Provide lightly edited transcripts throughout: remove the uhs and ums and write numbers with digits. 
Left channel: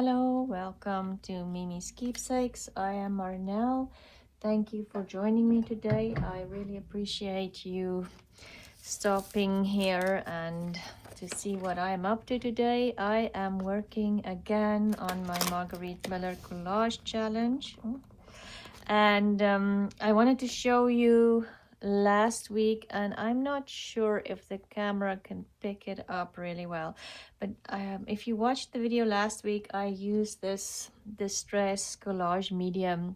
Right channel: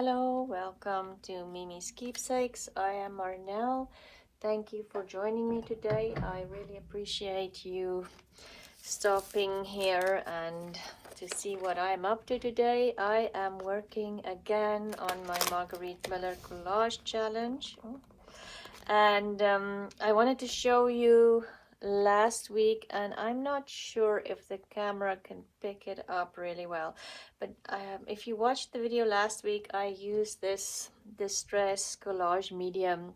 Hello, welcome to Miemie's Keepsakes. I am Marnell. Thank you for joining me today. I really appreciate you stopping here and to see what I am up to today. I am working again on my Margarete Miller Collage Challenge. And I wanted to show you last week, and I'm not sure if the camera can pick it up really well, but if you watched the video last week, I used this distress collage medium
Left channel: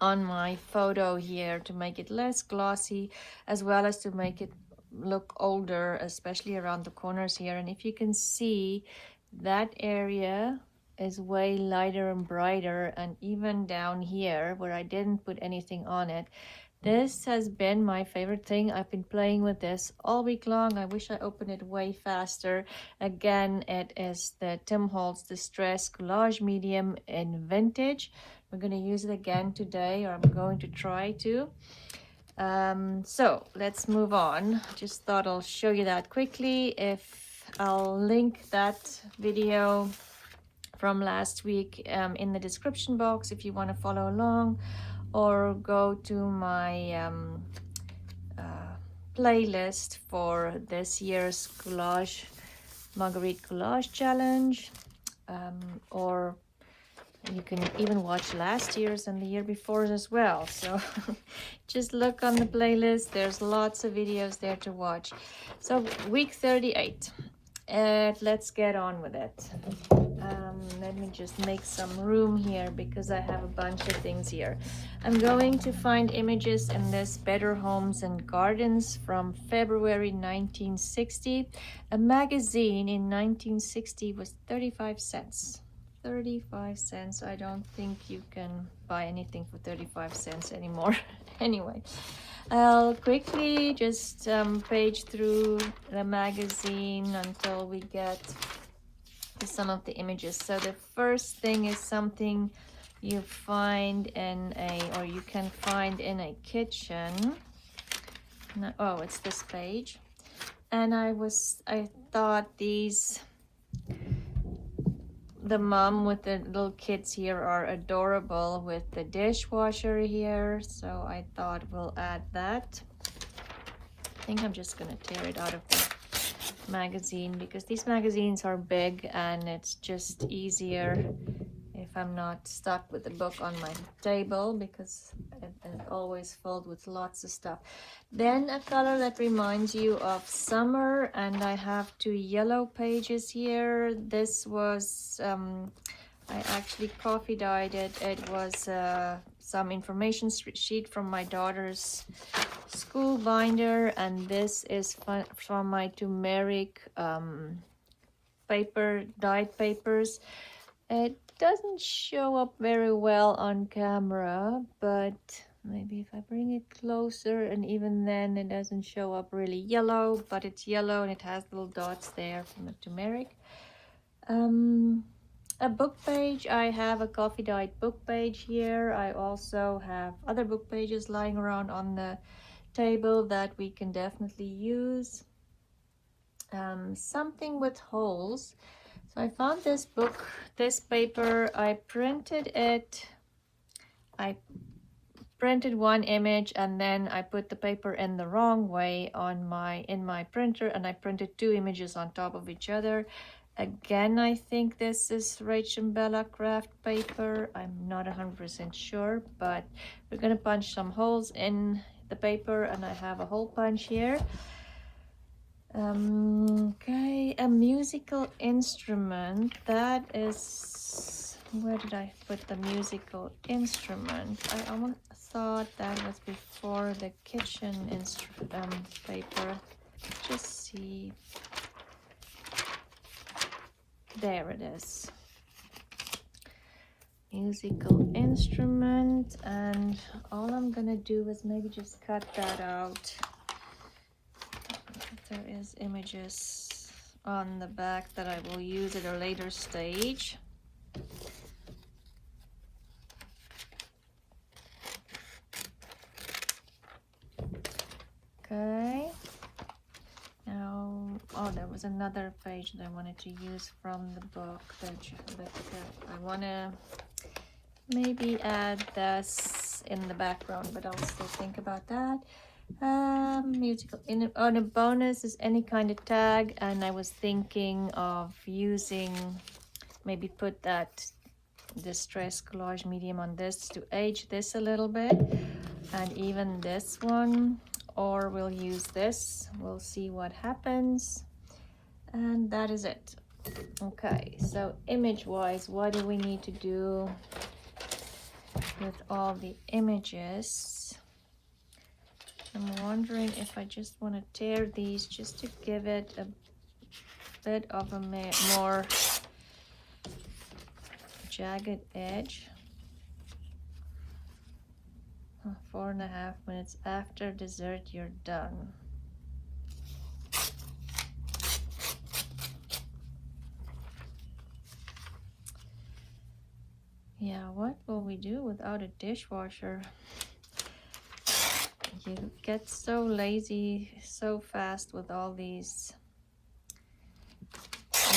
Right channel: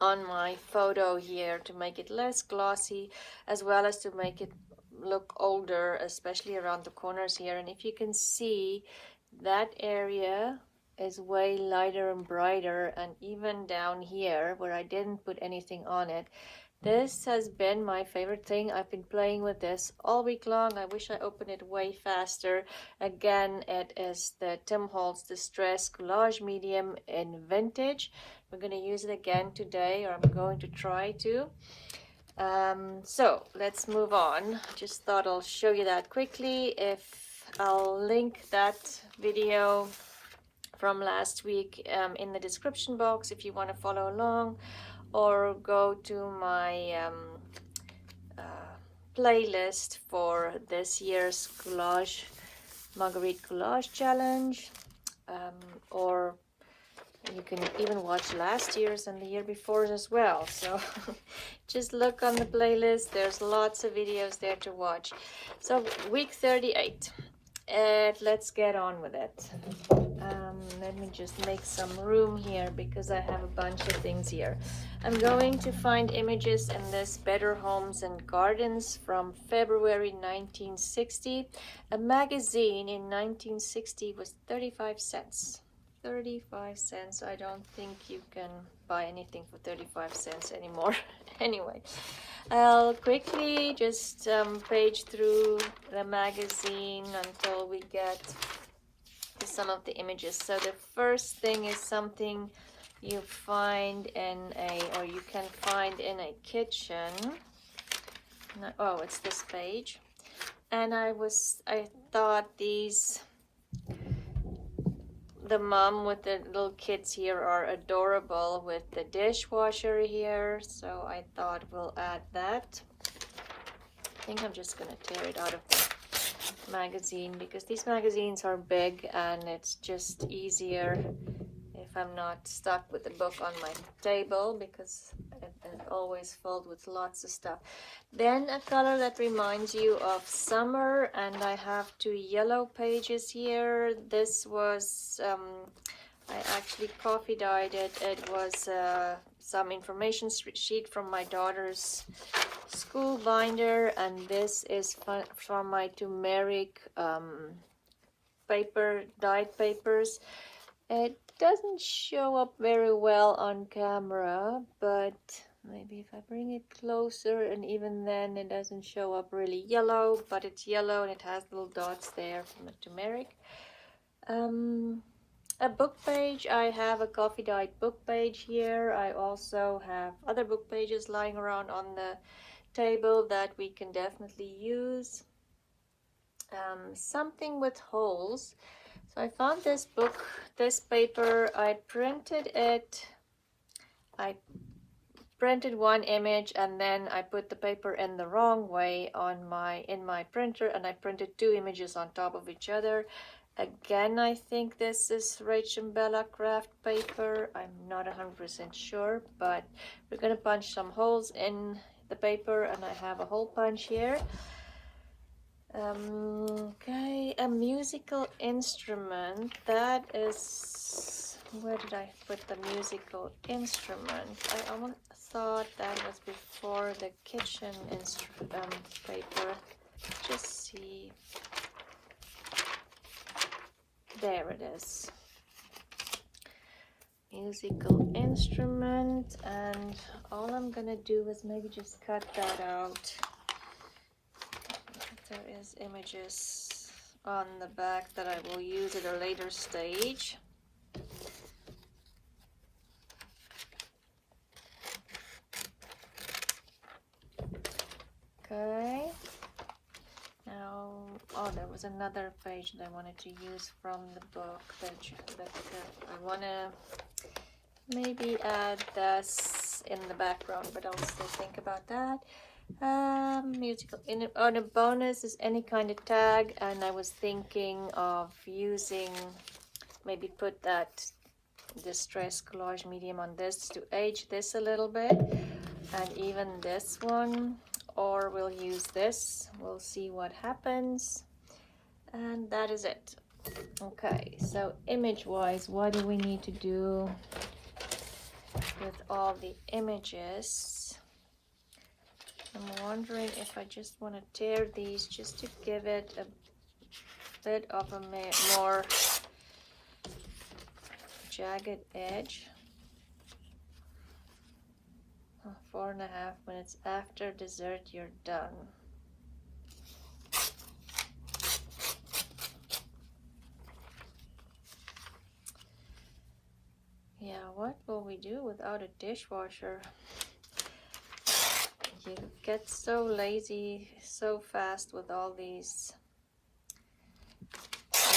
on my photo here to make it less glossy, as well as to make it look older, especially around the corners here. And if you can see, that area is way lighter and brighter, and even down here where I didn't put anything on it, this has been my favorite thing. I've been playing with this all week long. I wish I opened it way faster. Again, it is the Tim Holtz Distress Collage Medium in Vintage. We're going to use it again today, or I'm going to try to. So let's move on. Just thought I'll show you that quickly. I'll link that video from last week in the description box if you want to follow along, or go to my playlist for this year's Margarete Collage Challenge, or you can even watch last year's and the year before's as well. So just look on the playlist. There's lots of videos there to watch. So week 38. Let's get on with it. Let me just make some room here because I have a bunch of things here. I'm going to find images in this Better Homes and Gardens from February 1960. A magazine in 1960 was 35 cents. 35 cents. I don't think you can buy anything for 35 cents anymore. Anyway, I'll quickly just page through the magazine until we get to some of the images. So the first thing is something you find in or you can find in a kitchen. Oh, it's this page. And I thought the mom with the little kids here are adorable with the dishwasher here, so I thought we'll add that. I think I'm just gonna tear it out of the magazine because these magazines are big and it's just easier if I'm not stuck with the book on my table, because it is always filled with lots of stuff. Then a color that reminds you of summer, and I have two yellow pages here. This was, I actually coffee dyed it. It was some information sheet from my daughter's school binder, and this is from my turmeric paper, dyed papers. It doesn't show up very well on camera, but maybe if I bring it closer, and even then it doesn't show up really yellow, but it's yellow and it has little dots there from the turmeric. A book page. I have a coffee dyed book page here. I also have other book pages lying around on the table that we can definitely use. Something with holes. So I found this book, this paper. I printed it. I printed one image and then I put the paper in the wrong way in my printer, and I printed two images on top of each other. Again, I think this is Rachel Bella craft paper. I'm not 100% sure, but we're gonna punch some holes in the paper, and I have a hole punch here. Okay, a musical instrument. That is, where did I put the musical instrument? I thought that was before the kitchen paper. Just see. There it is. Musical instrument, and all I'm gonna do is maybe just cut that out. There is images on the back that I will use at a later stage. Okay. Now, oh, there was another page that I wanted to use from the book page, but I want to maybe add this in the background, but I'll still think about that. Musical on a bonus is any kind of tag, and I was thinking of using, maybe put that distress collage medium on this to age this a little bit, and even this one, or we'll use this. We'll see what happens. And that is it. Okay, so image wise, what do we need to do with all the images? I'm wondering if I just want to tear these just to give it a bit of a more jagged edge. 4.5 minutes after dessert, you're done. Yeah, what will we do without a dishwasher? You get so lazy so fast with all these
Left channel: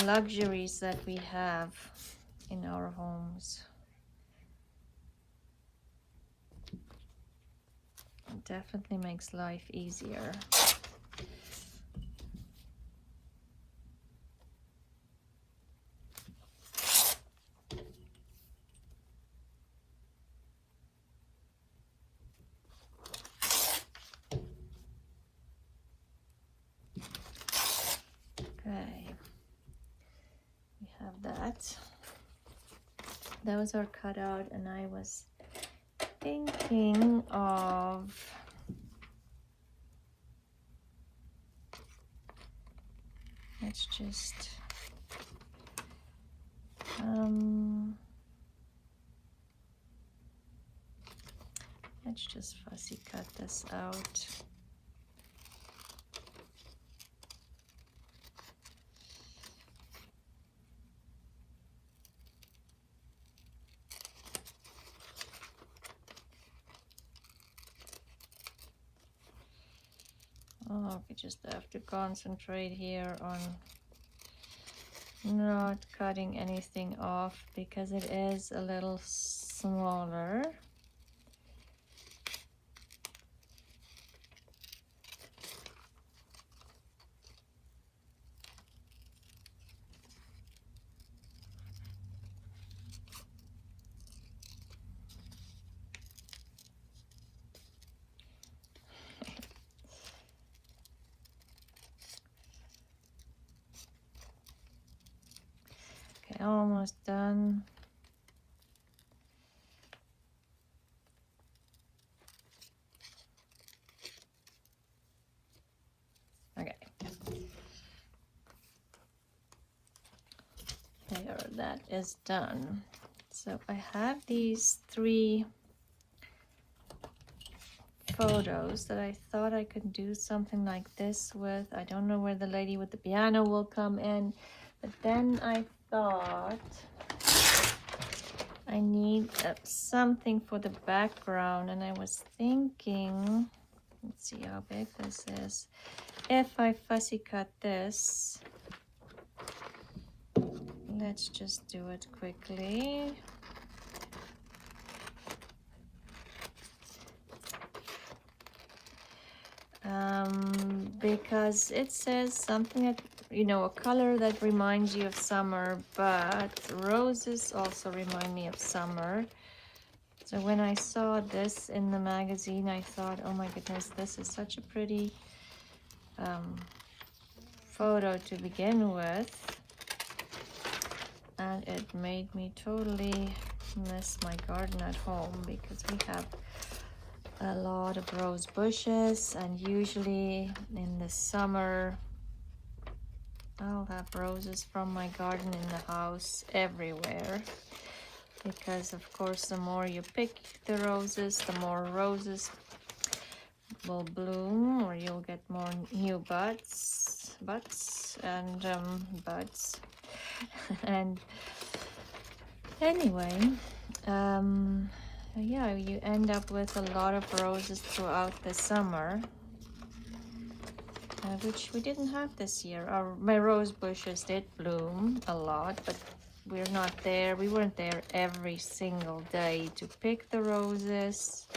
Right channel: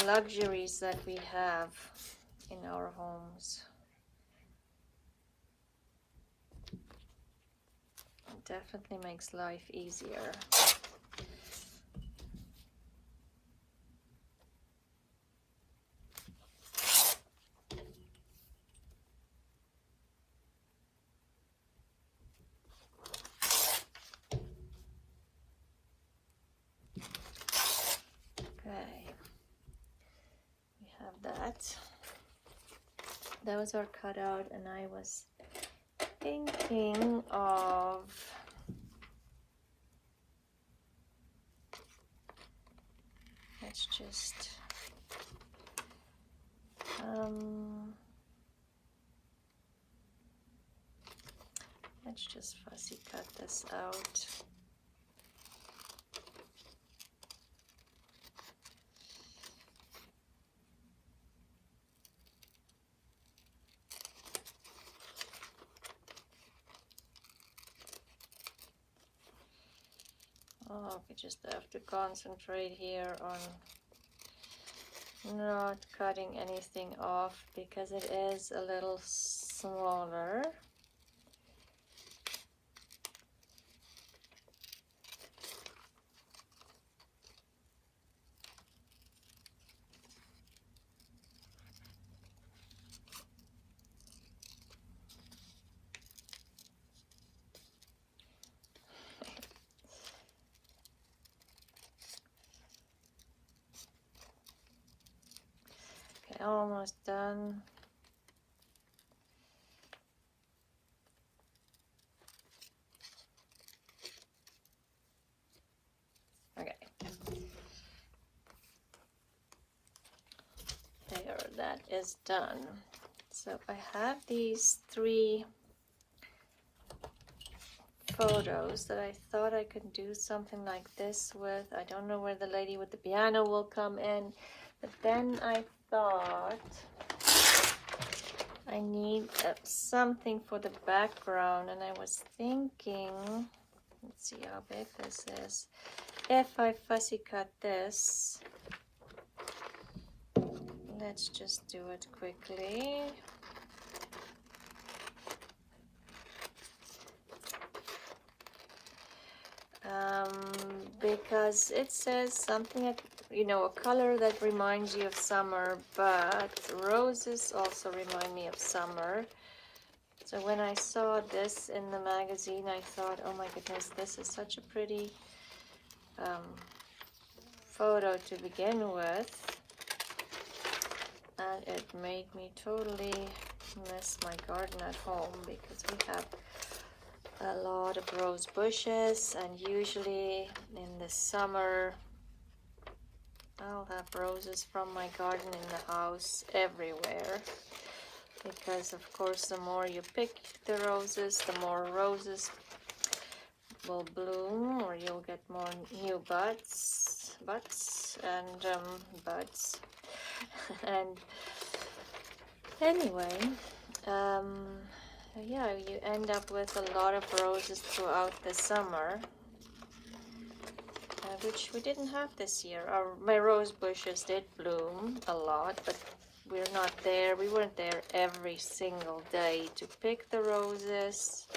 luxuries that we have in our homes. It definitely makes life easier. Those are cut out, and I was thinking of let's just fussy cut this out. We just have to concentrate here on not cutting anything off because it is a little smaller. Almost done. Okay. There, that is done. So I have these 3 photos that I thought I could do something like this with. I don't know where the lady with the piano will come in, but then I thought I need something for the background, and I was thinking, let's see how big this is. If I fussy cut this, let's just do it quickly. Because it says something, you know, a color that reminds you of summer, but roses also remind me of summer. So when I saw this in the magazine, I thought, oh my goodness, this is such a pretty photo to begin with. And it made me totally miss my garden at home, because we have a lot of rose bushes, and usually in the summer I'll have roses from my garden in the house everywhere, because of course the more you pick the roses, the more roses will bloom, or you'll get more new buds and anyway, yeah, you end up with a lot of roses throughout the summer. which we didn't have this year. My rose bushes did bloom a lot, but we weren't there every single day to pick the roses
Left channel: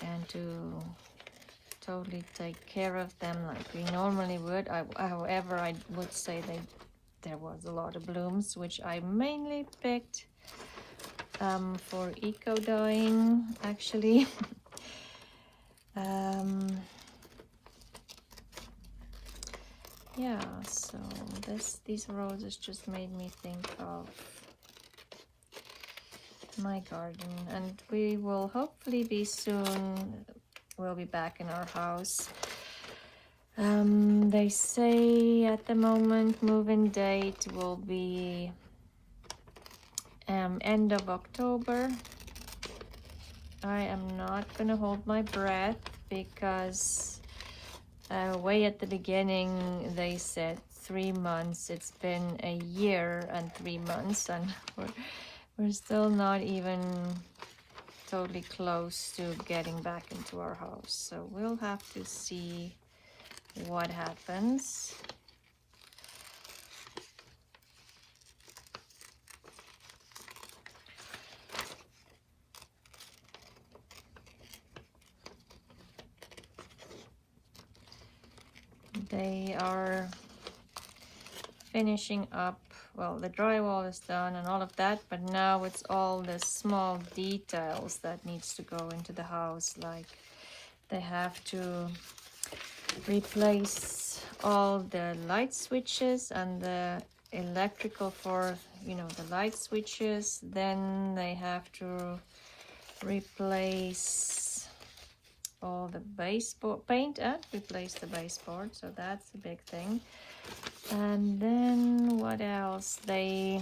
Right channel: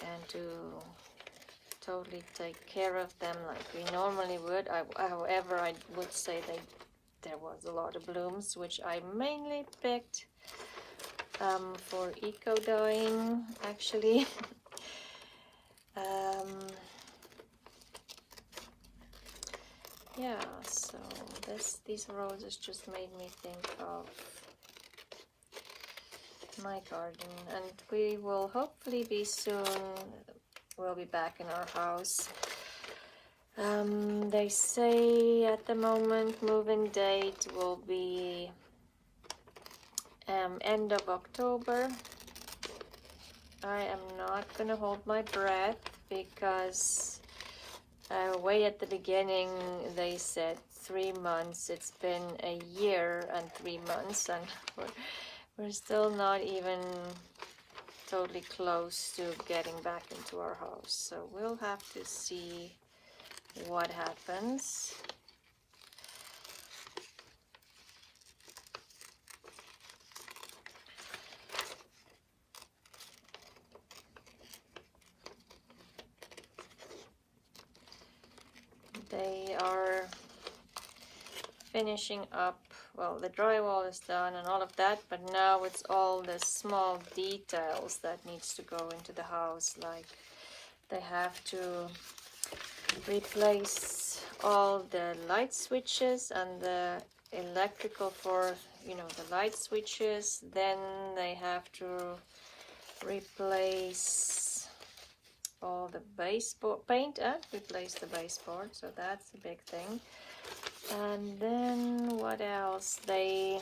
and to totally take care of them like we normally would. However, I would say there was a lot of blooms, which I mainly picked for eco-dyeing, actually. Yeah, so these roses just made me think of my garden, and we will hopefully be soon, we'll be back in our house. They say at the moment move-in date will be end of October. I am not gonna hold my breath because way at the beginning they said 3 months. It's been a year and 3 months, and we're still not even totally close to getting back into our house. So we'll have to see what happens. They are finishing up, well, the drywall is done and all of that, but now it's all the small details that needs to go into the house. Like they have to replace all the light switches and the electrical for, you know, the light switches. Then they have to replace all the baseboard paint and replace the baseboard, so that's a big thing. And then what else? They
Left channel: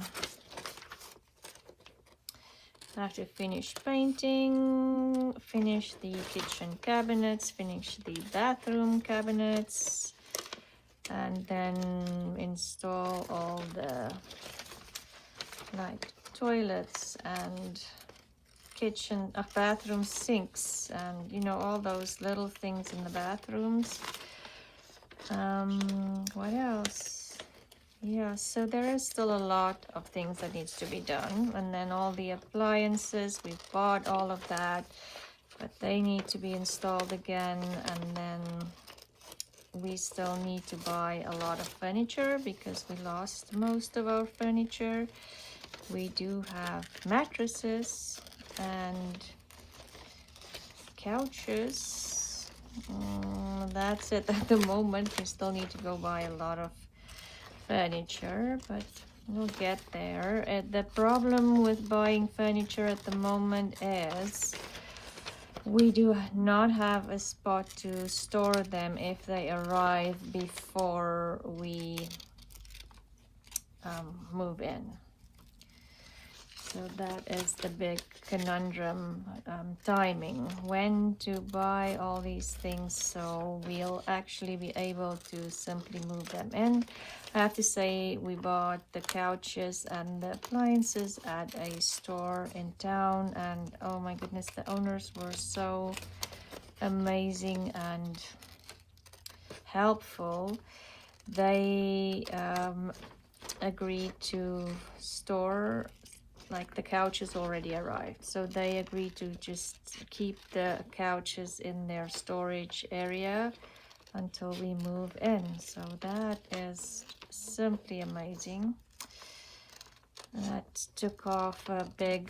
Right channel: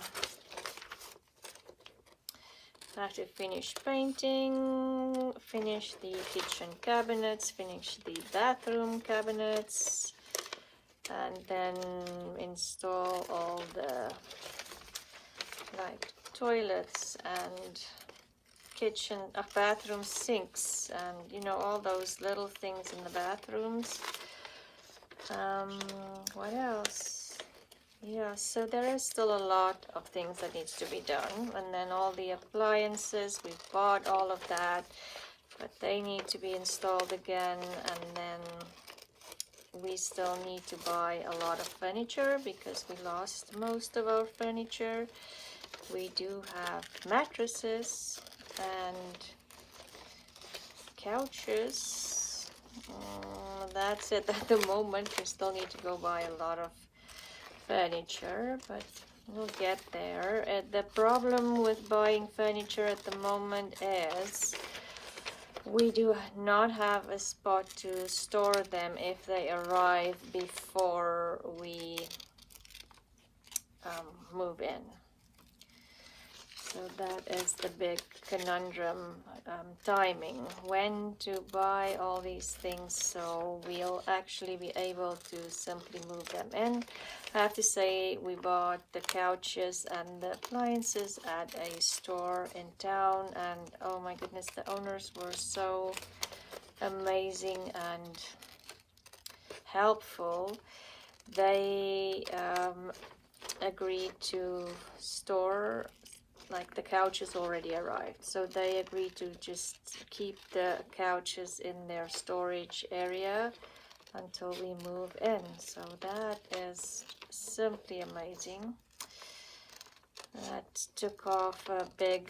have to finish painting, finish the kitchen cabinets, finish the bathroom cabinets, and then install all the like toilets and kitchen bathroom sinks, and you know, all those little things in the bathrooms. What else? Yeah, so there is still a lot of things that needs to be done. And then all the appliances, we've bought all of that, but they need to be installed again. And then we still need to buy a lot of furniture because we lost most of our furniture. We do have mattresses and couches. That's it at the moment. We still need to go buy a lot of furniture, but we'll get there. The problem with buying furniture at the moment is we do not have a spot to store them if they arrive before we move in. So that is the big conundrum, timing, when to buy all these things so we'll actually be able to simply move them in. I have to say, we bought the couches and the appliances at a store in town, and oh my goodness, the owners were so amazing and helpful. They agreed to store, like the couches already arrived, so they agreed to just keep the couches in their storage area until we move in. So that is simply amazing. That took off a big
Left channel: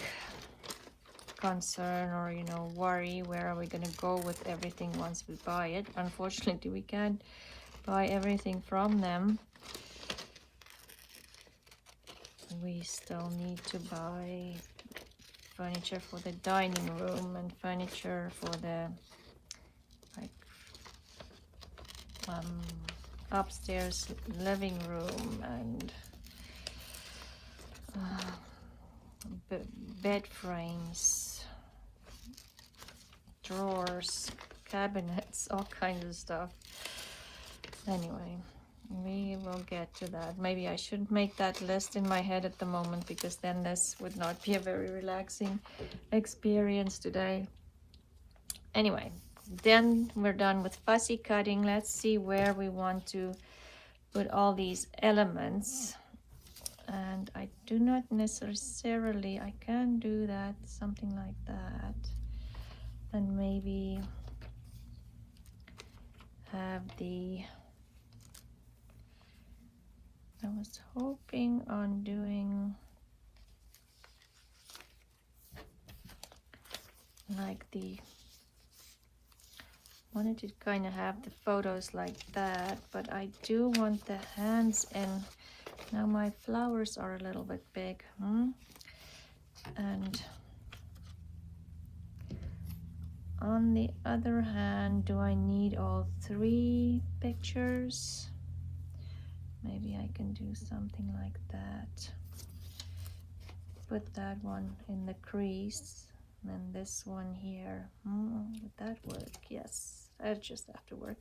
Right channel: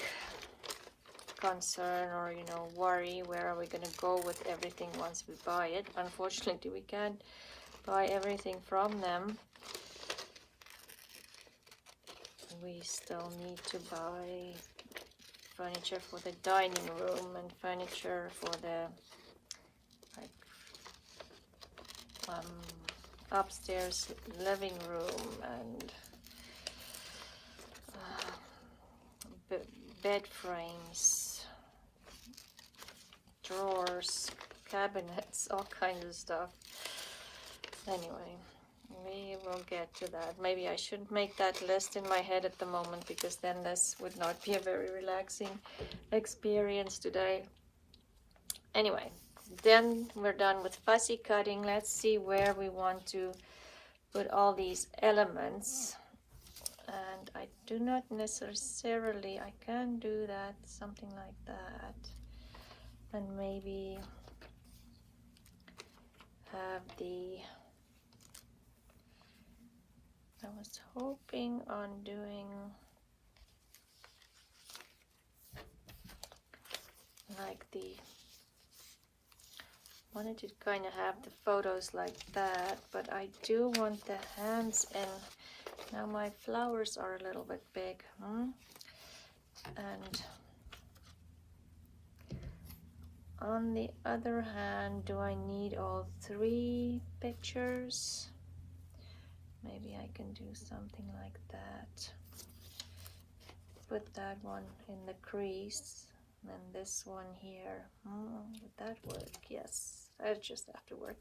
concern, or you know, worry, where are we going to go with everything once we buy it. Unfortunately, we can't buy everything from them. We still need to buy furniture for the dining room and furniture for the upstairs living room, and bed frames, drawers, cabinets, all kinds of stuff. Anyway, we will get to that. Maybe I shouldn't make that list in my head at the moment, because then this would not be a very relaxing experience today. Anyway, then we're done with fussy cutting. Let's see where we want to put all these elements. And I do not necessarily, I can do that, something like that. And maybe have the, I was hoping on doing like the, wanted to kind of have the photos like that, but I do want the hands in. Now my flowers are a little bit big, and on the other hand, do I need all 3 pictures? Maybe I can do something like that. Put that one in the crease, and then this one here. Would that work? Yes, that just have to work.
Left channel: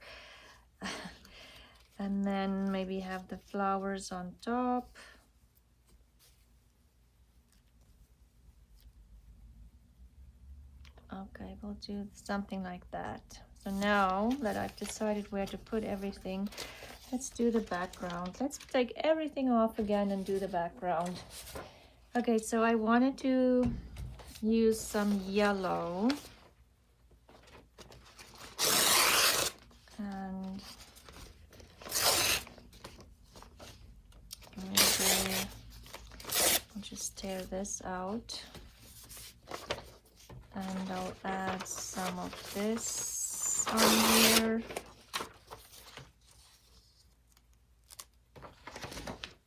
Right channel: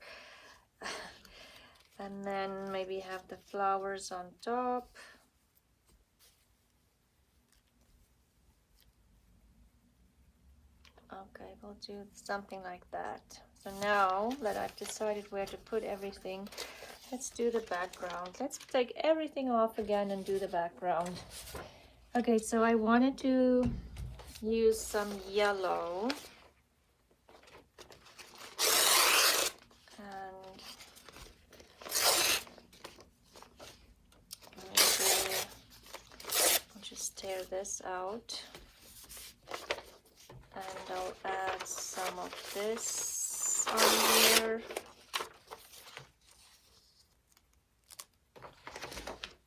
And then maybe have the flowers on top. Okay, we'll do something like that. So now that I've decided where to put everything, let's do the background. Let's take everything off again and do the background. Okay, so I wanted to use some yellow. And I'll just tear this out. And I'll add some of this on here.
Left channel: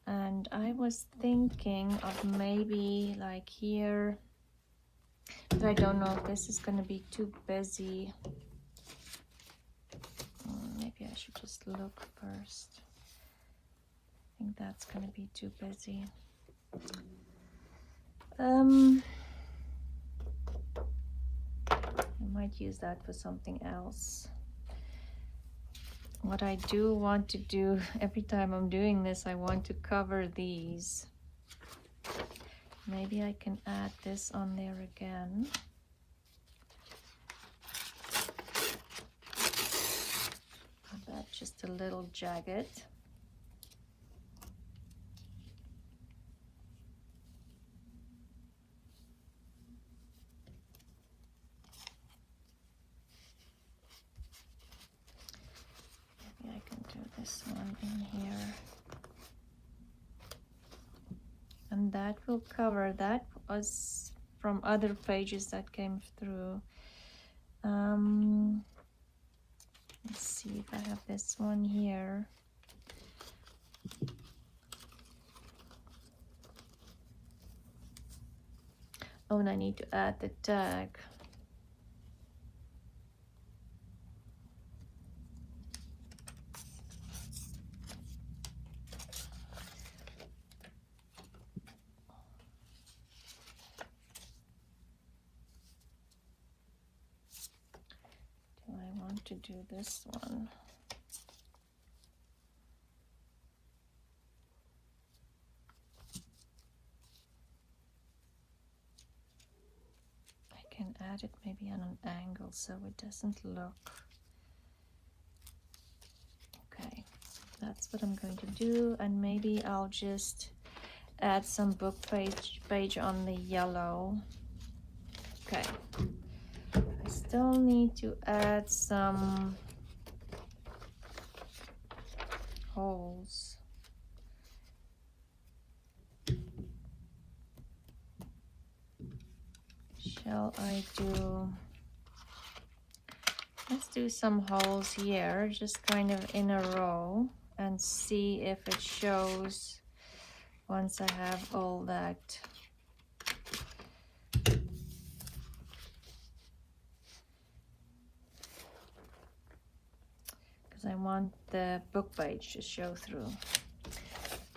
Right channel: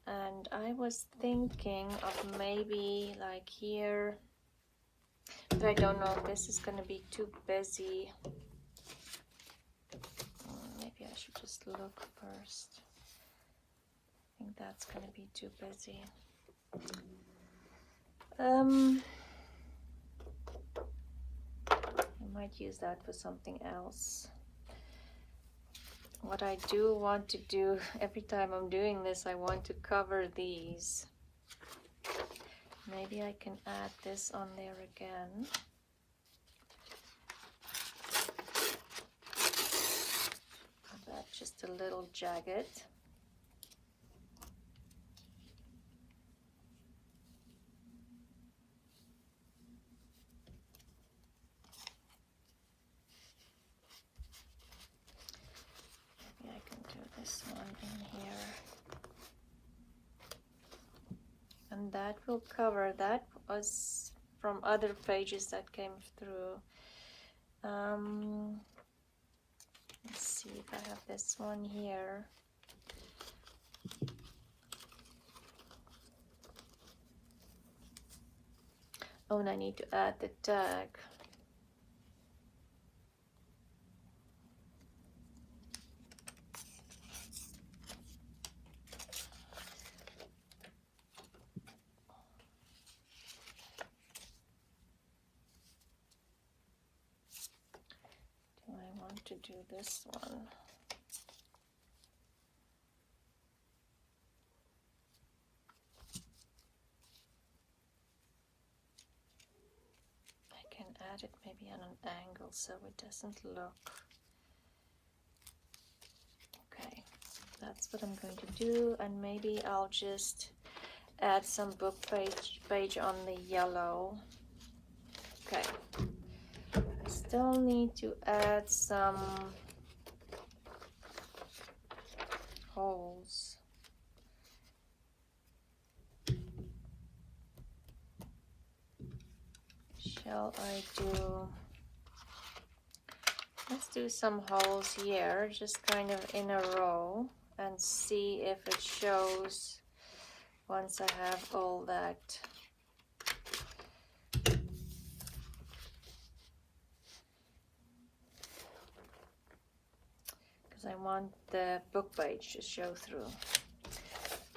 And I was thinking of maybe like here, but I don't know if this is going to be too busy. Maybe I should just look first. I think that's going to be too busy. I might use that for something else. What I do want to do every time I'm doing this, I want to cover these. Maybe I can add this on there again. That's just a little jagged. That will cover. That was from other pages that came through. Let's see if I have this one here. Oh, and I need to add the tag. To do this one. I can add it maybe on an angle so it doesn't look. Okay, that's what I'm going to do, and maybe I'll just add some book page on the yellow. Okay. I still need to add some holes. Shall I do, let's do some holes here, just kind of in a row, and see if it shows once I have all that. I want the book page to show through.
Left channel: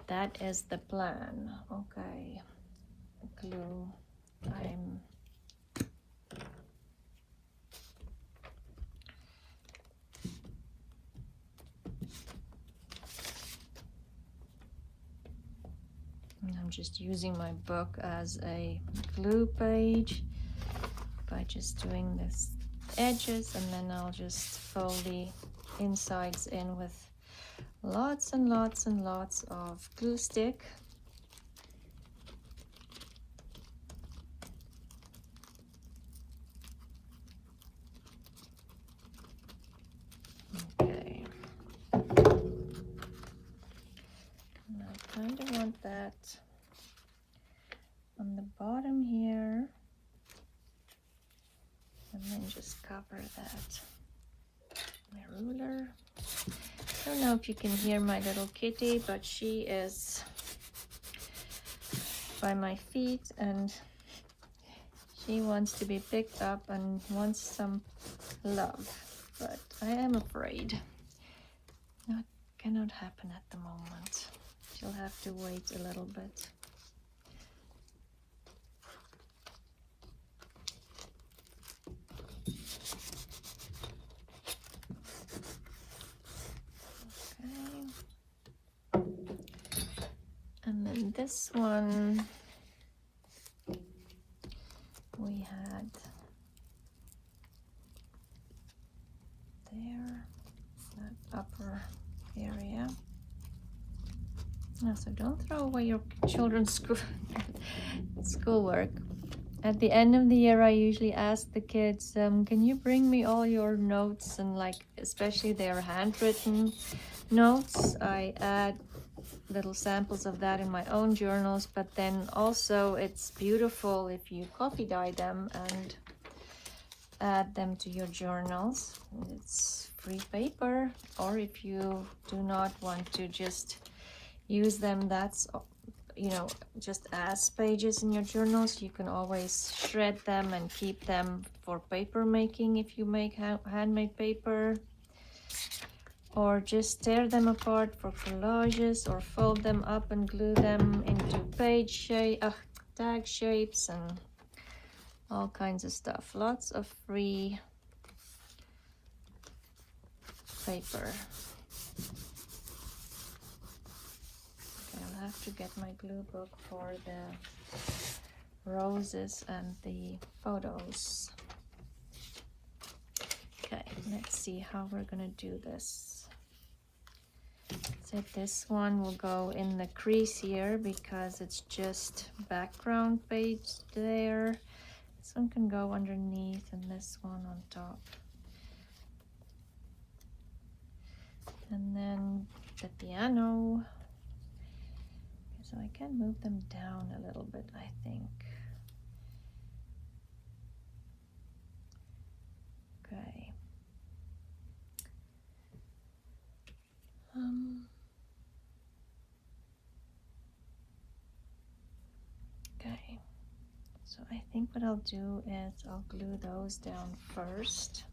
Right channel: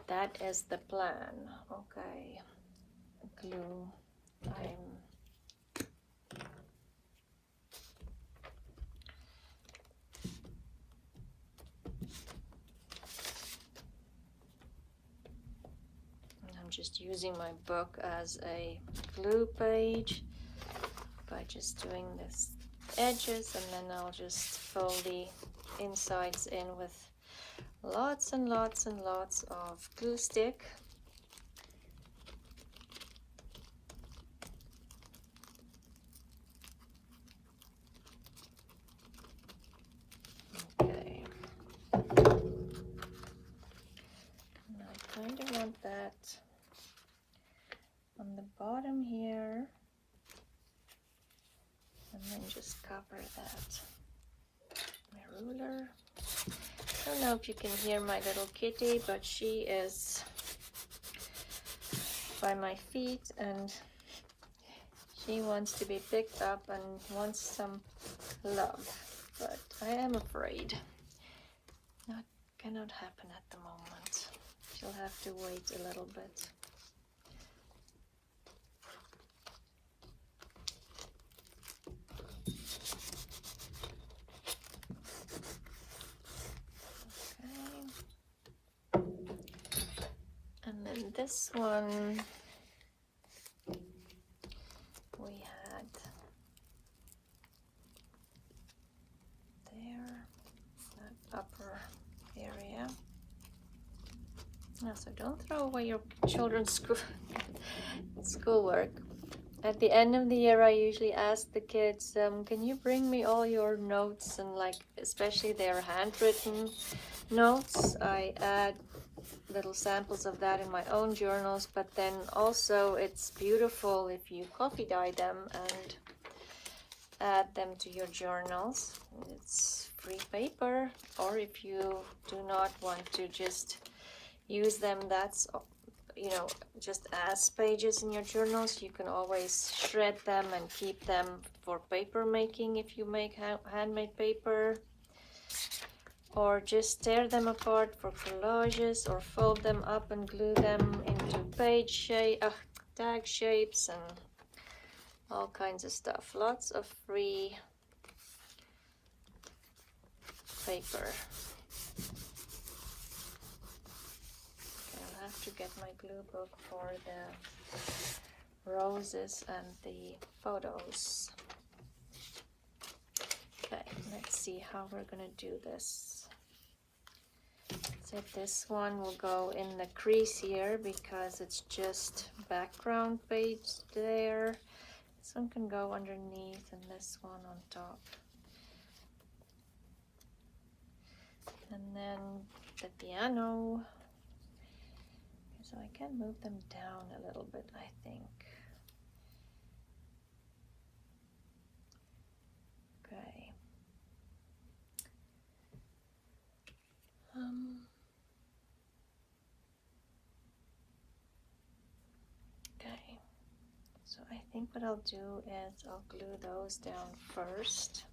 That is the plan. Okay. I'm just using my book as a glue page by just doing this edges, and then I'll just fold the insides in with lots and lots and lots of glue stick. On the bottom here, and then just cover that. My ruler. I don't know if you can hear my little kitty, but she is by my feet and she wants to be picked up and wants some love, but I am afraid that cannot happen at the moment. You'll have to wait a little bit. And then this one, we had there, that upper area. No, so don't throw away your children's schoolwork. At the end of the year, I usually ask the kids, can you bring me all your notes, and like especially their handwritten notes. I add little samples of that in my own journals, but then also it's beautiful if you coffee dye them and add them to your journals. It's free paper, or if you do not want to just use them, that's, you know, just as pages in your journals, you can always shred them and keep them for paper making if you make handmade paper, or just tear them apart for collages, or fold them up and glue them into page shape, tag shapes, and all kinds of stuff. Lots of free paper. I'll have to get my glue book for the roses and the photos. Okay, let's see how we're gonna do this. So this one will go in the crease here because it's just background page there. This one can go underneath and this one on top. And then the piano. So I can move them down a little bit, I think. Okay. Okay. So I think what I'll do is I'll glue those down first.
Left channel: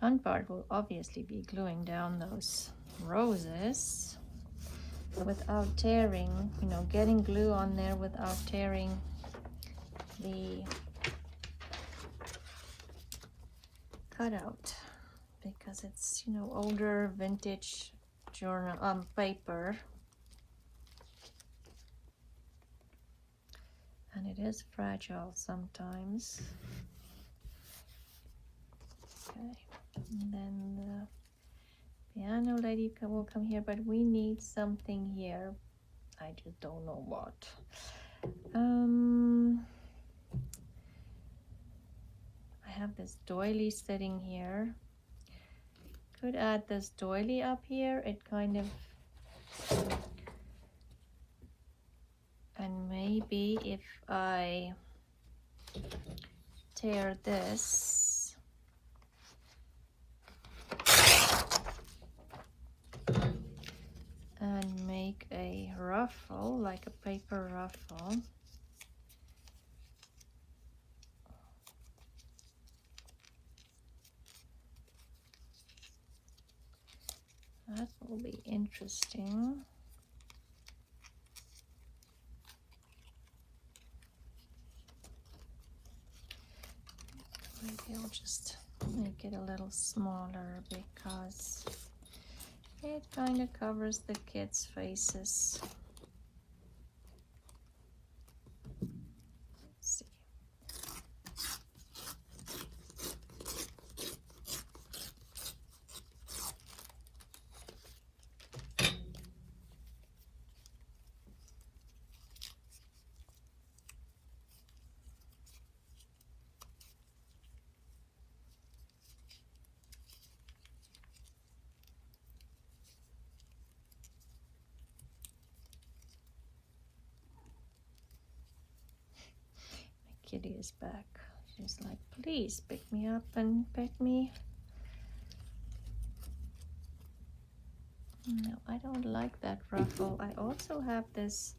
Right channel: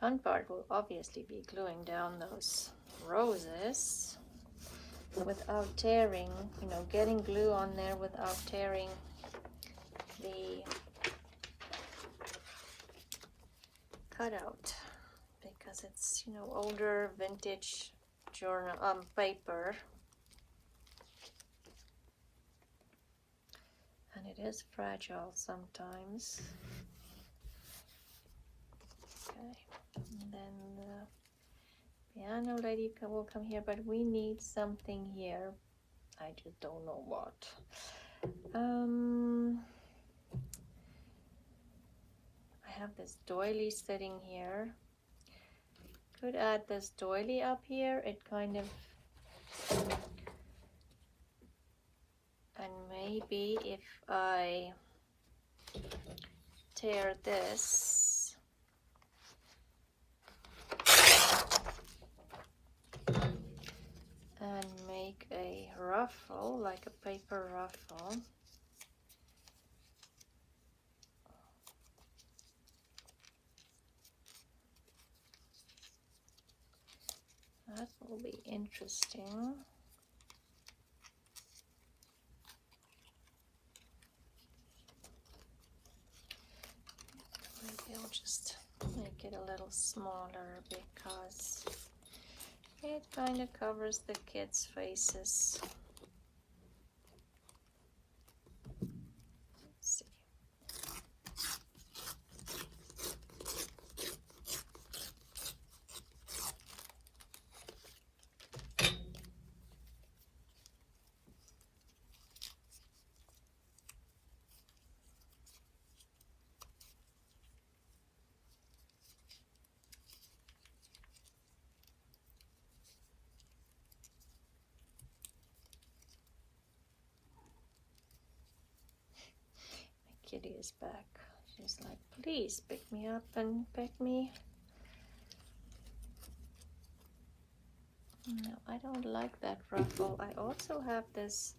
Fun part will obviously be gluing down those roses without tearing, you know, getting glue on there without tearing the cutout, because it's, you know, older vintage journal paper, and it is fragile sometimes. And then the piano lady will come here, but we need something here. I just don't know what. I have this doily sitting here. Could add this doily up here. It kind of, and maybe if I tear this and make a ruffle, like a paper ruffle. interesting. Maybe I'll just make it a little smaller because it kind of covers the kids' faces. Let's see. Kitty is back. She's like, please pick me up and pet me. No, I don't like that ruffle. I also have this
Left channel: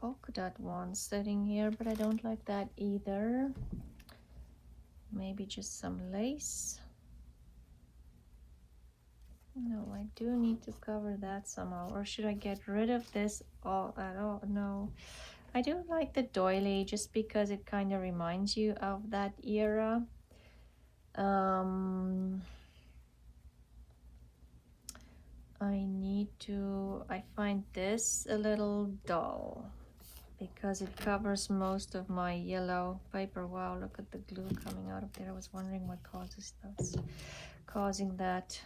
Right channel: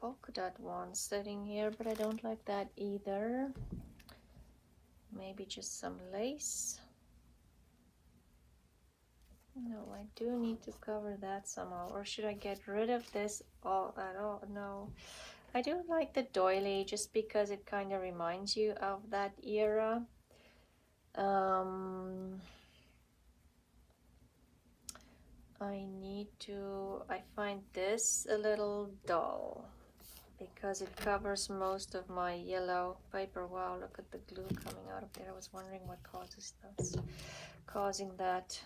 polka dot one sitting here, but I don't like that either. Maybe just some lace. No, I do need to cover that somehow. Or should I get rid of this all at all? No. I do like the doily just because it kind of reminds you of that era. I find this a little dull because it covers most of my yellow paper. Wow, look at the glue coming out of there. I was wondering what causing that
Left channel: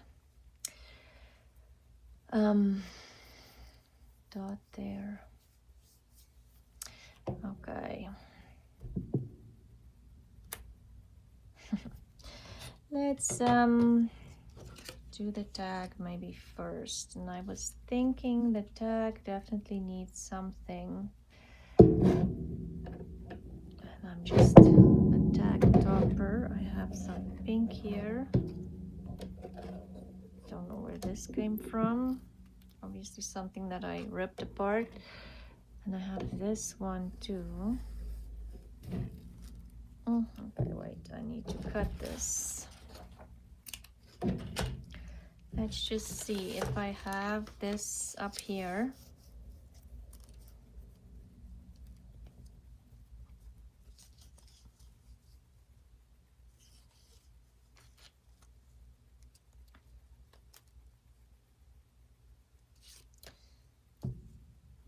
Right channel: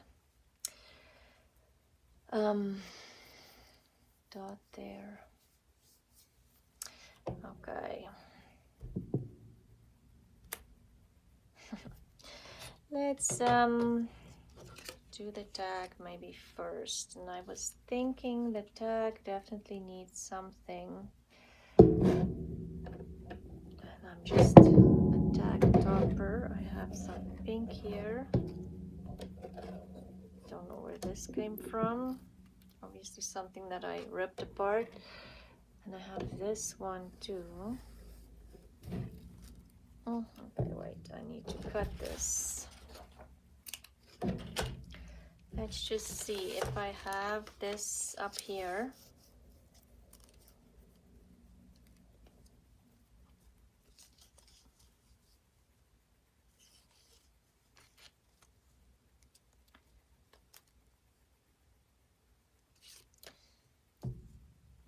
dot there. Okay. Let's do the tag maybe first. And I was thinking the tag definitely needs something. And I'm just a tag topper. I have some pink here. Don't know where this came from. Obviously something that I ripped apart. And I have this one too. Okay, wait, I need to cut this. Let's just see if I have this up here.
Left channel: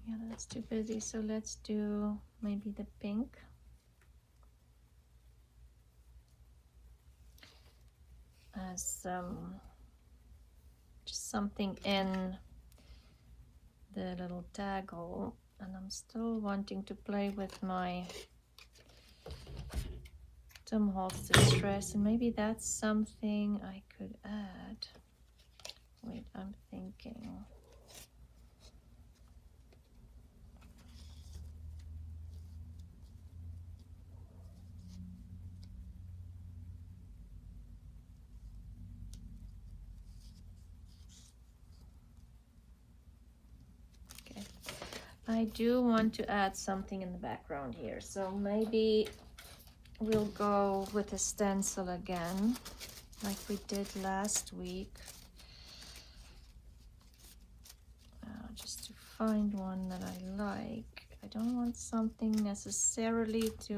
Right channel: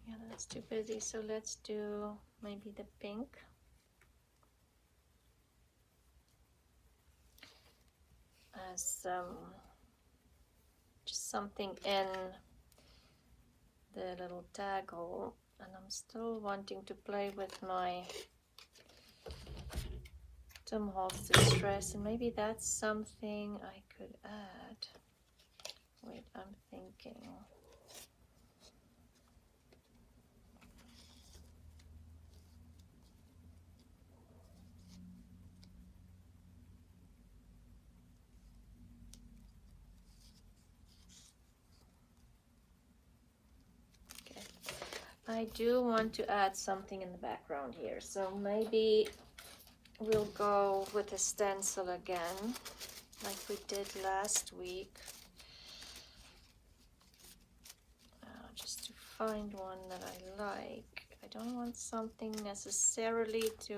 Yeah, that's too busy, so let's do maybe the pink. As just something in the little tag hole, and I'm still wanting to play with my some holes to stress, and maybe that's something I could add. Wait, I'm thinking. I do want to add something in the background here, so maybe we'll go with a stencil again, like we did last week. Just to find one that I like. I don't want something necessarily to...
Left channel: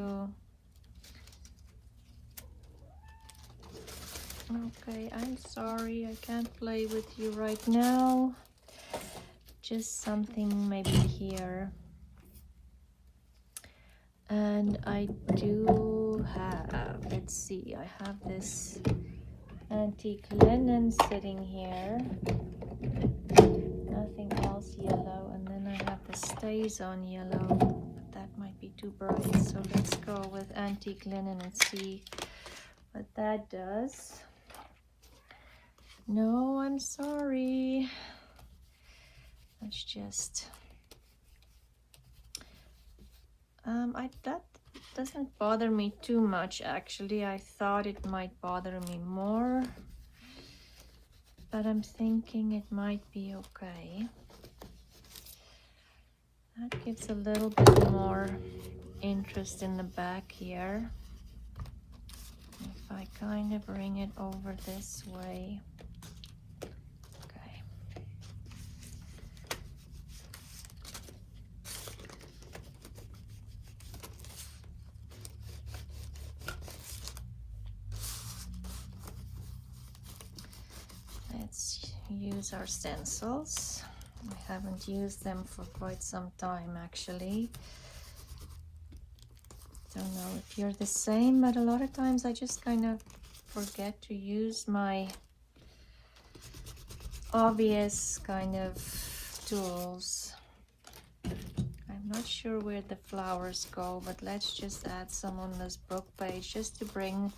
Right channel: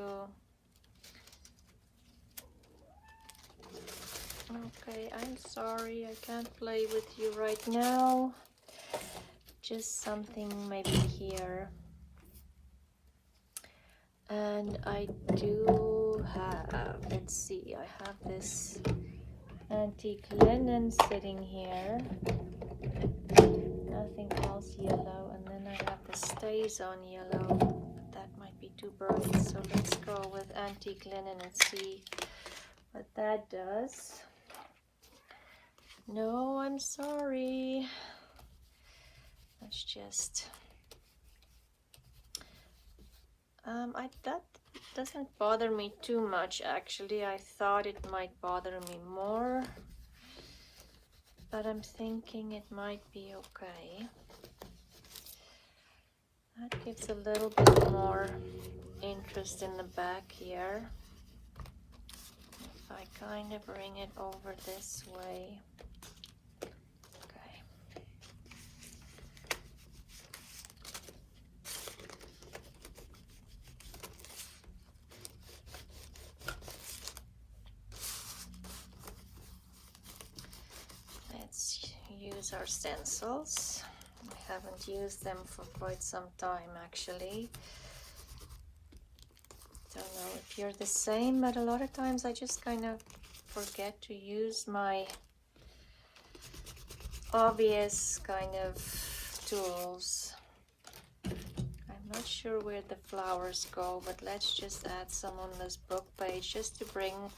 Okay, I'm sorry, I can't play with you right now. Just something maybe here. And I do have, let's see, I have this antique linen sitting here. Nothing else yellow. And then I have the stays on yellow. That might be too bright. So let's go with antique linen and see what that does. No, I'm sorry. Let's just that doesn't bother me too much actually. I thought it might bother me more, but I'm thinking it might be okay. That gives a little bit more interest in the back here. If I kind of bring it over this way. These are stencils. I haven't used them for quite some time actually. Don't know if you're the same, but a lot of times I just kind of forget to use my obvious kind of tools. I'm not sure where the flowers go, but let's just add some on this book page just to bring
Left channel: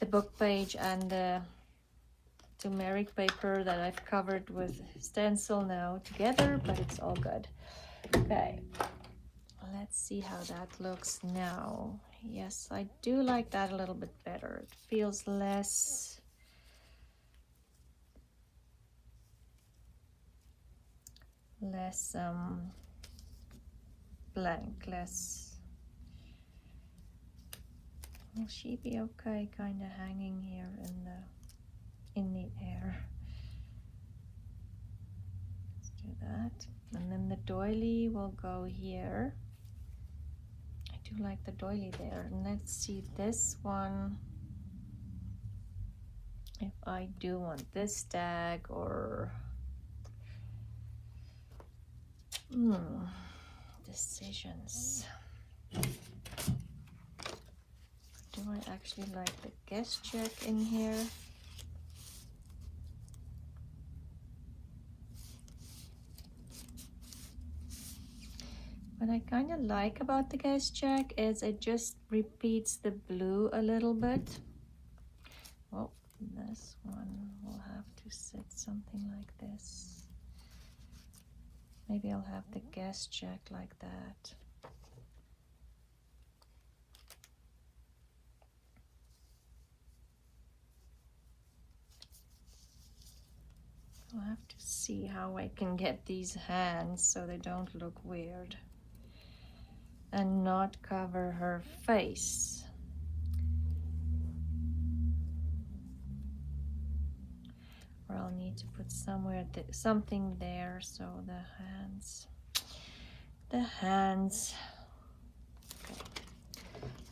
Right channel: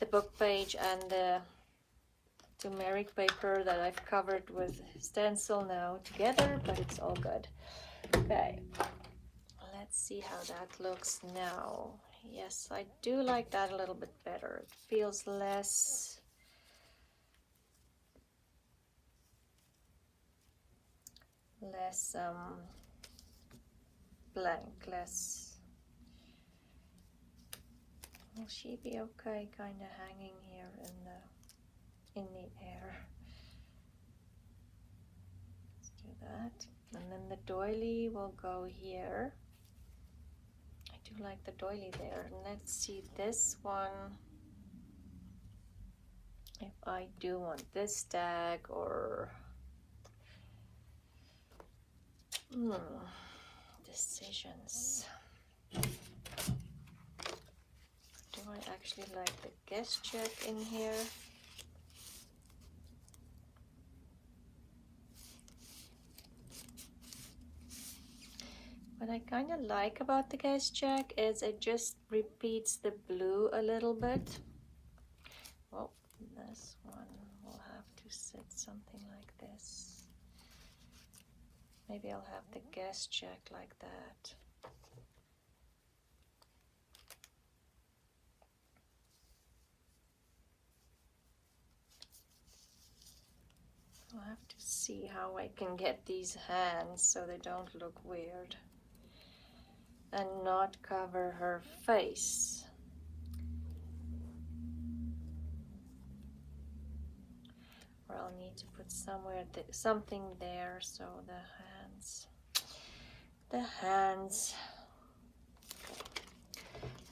the book page and the turmeric paper that I've covered with stencil now together, but it's all good. Okay, let's see how that looks now. Yes, I do like that a little bit better. It feels less blank, less. Will she be okay kind of hanging here in the air? Let's do that. And then the doily will go here. I do like the doily there. And let's see this one. If I do want this tag or decisions. Do I actually like the guest check in here? What I kind of like about the guest check is it just repeats the blue a little bit. Well, this one will have to sit something like this. Maybe I'll have the guest check like that. I'll have to see how I can get these hands so they don't look weird and not cover her face. Or I'll need to put something there so the hands. Okay.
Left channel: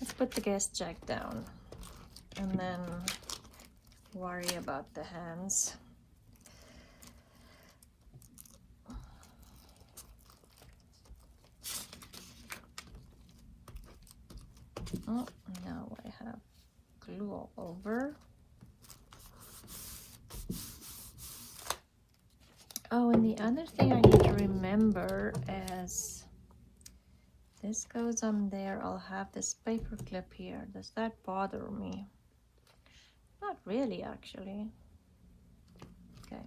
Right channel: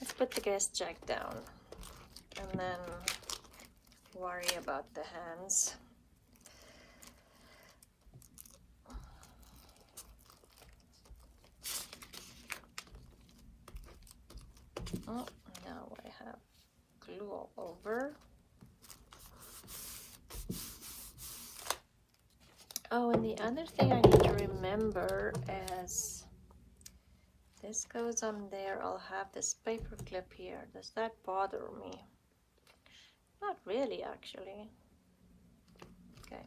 Let's put the guest check down and then worry about the hands. Oh, now I have glue all over. Oh, and the other thing I need to remember is this goes on there. I'll have this paper clip here. Does that bother me? Not really, actually. Okay.